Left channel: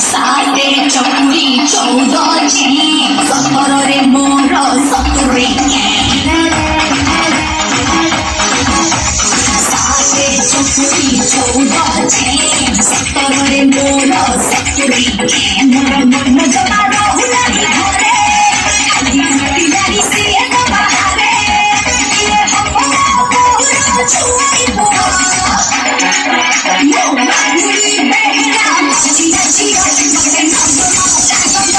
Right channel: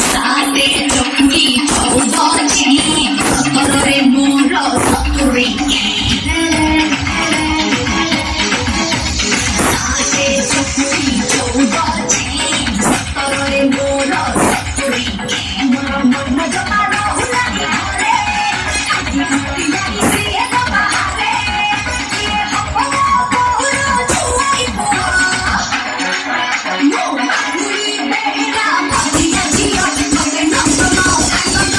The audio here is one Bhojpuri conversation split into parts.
साते चकुरी चौदह चें सतरे मोर सतुरी साते चकुरी चौदह चें सतरे मोर सतुरी मोर मन जमा रहुला घरे आदि माटी बारी से बाहरे ये हम बहुर छुई बुआ यो मागुरी बेहरा जिया जिया मगे नंद नो Nand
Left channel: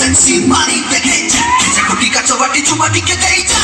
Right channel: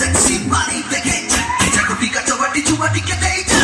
sexy money pequeña, esa cutica chobati chumati que te ita.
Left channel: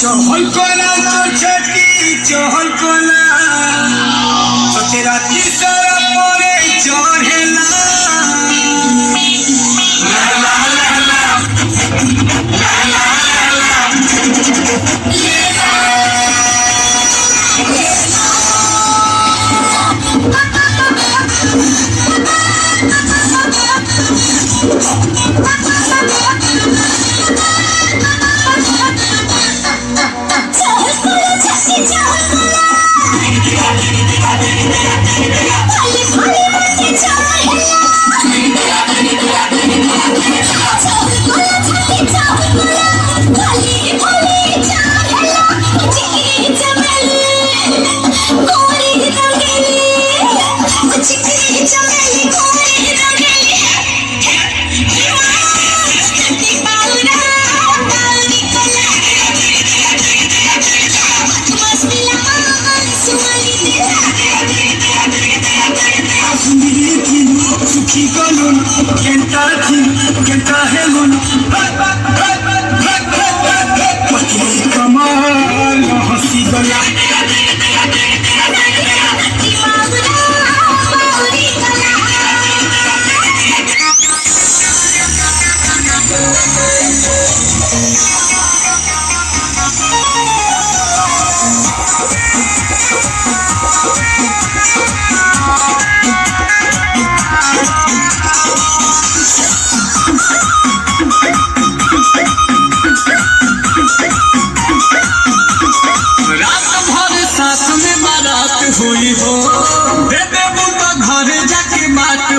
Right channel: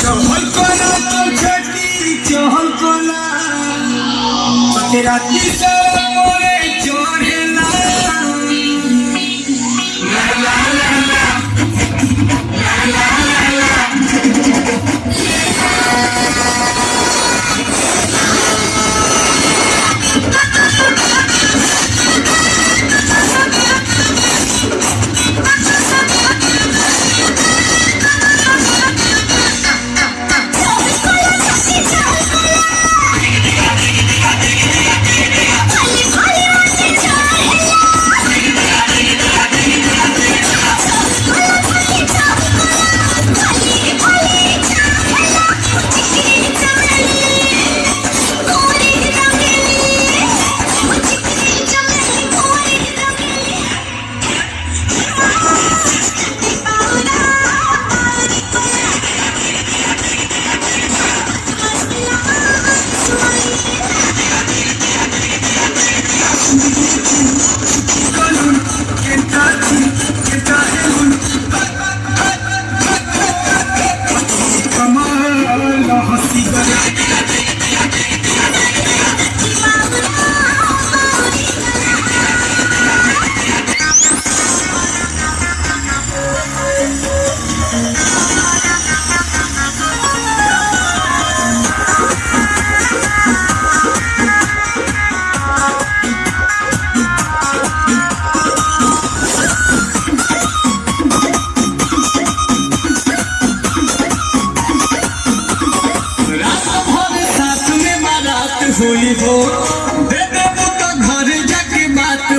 चहल कोला छेटी चहल कोला तो राती सारा मोरे चढ़ेला ला ला ला ला ला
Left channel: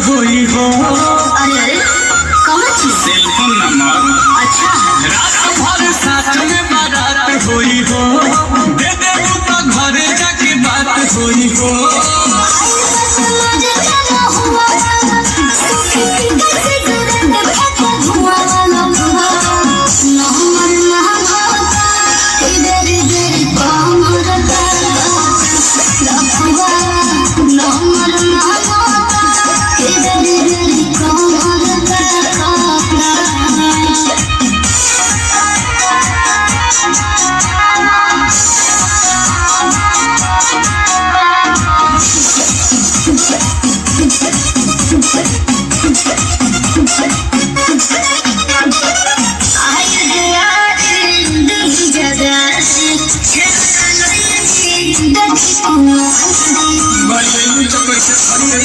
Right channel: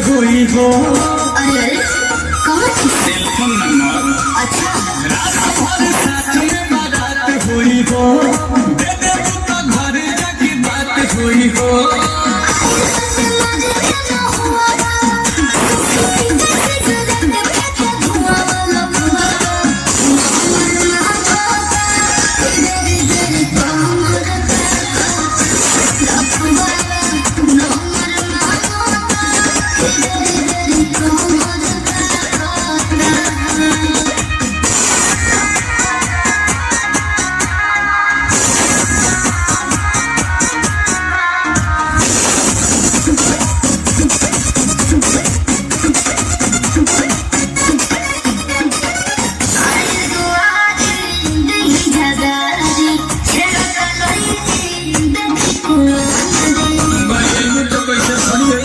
होई हो। अरे कौन चीज? Telephone number. अच्छा रात भर साथ में बारात होई हो। दे देबू तो घरे जाके बात होई हो। कैसे खड़ी है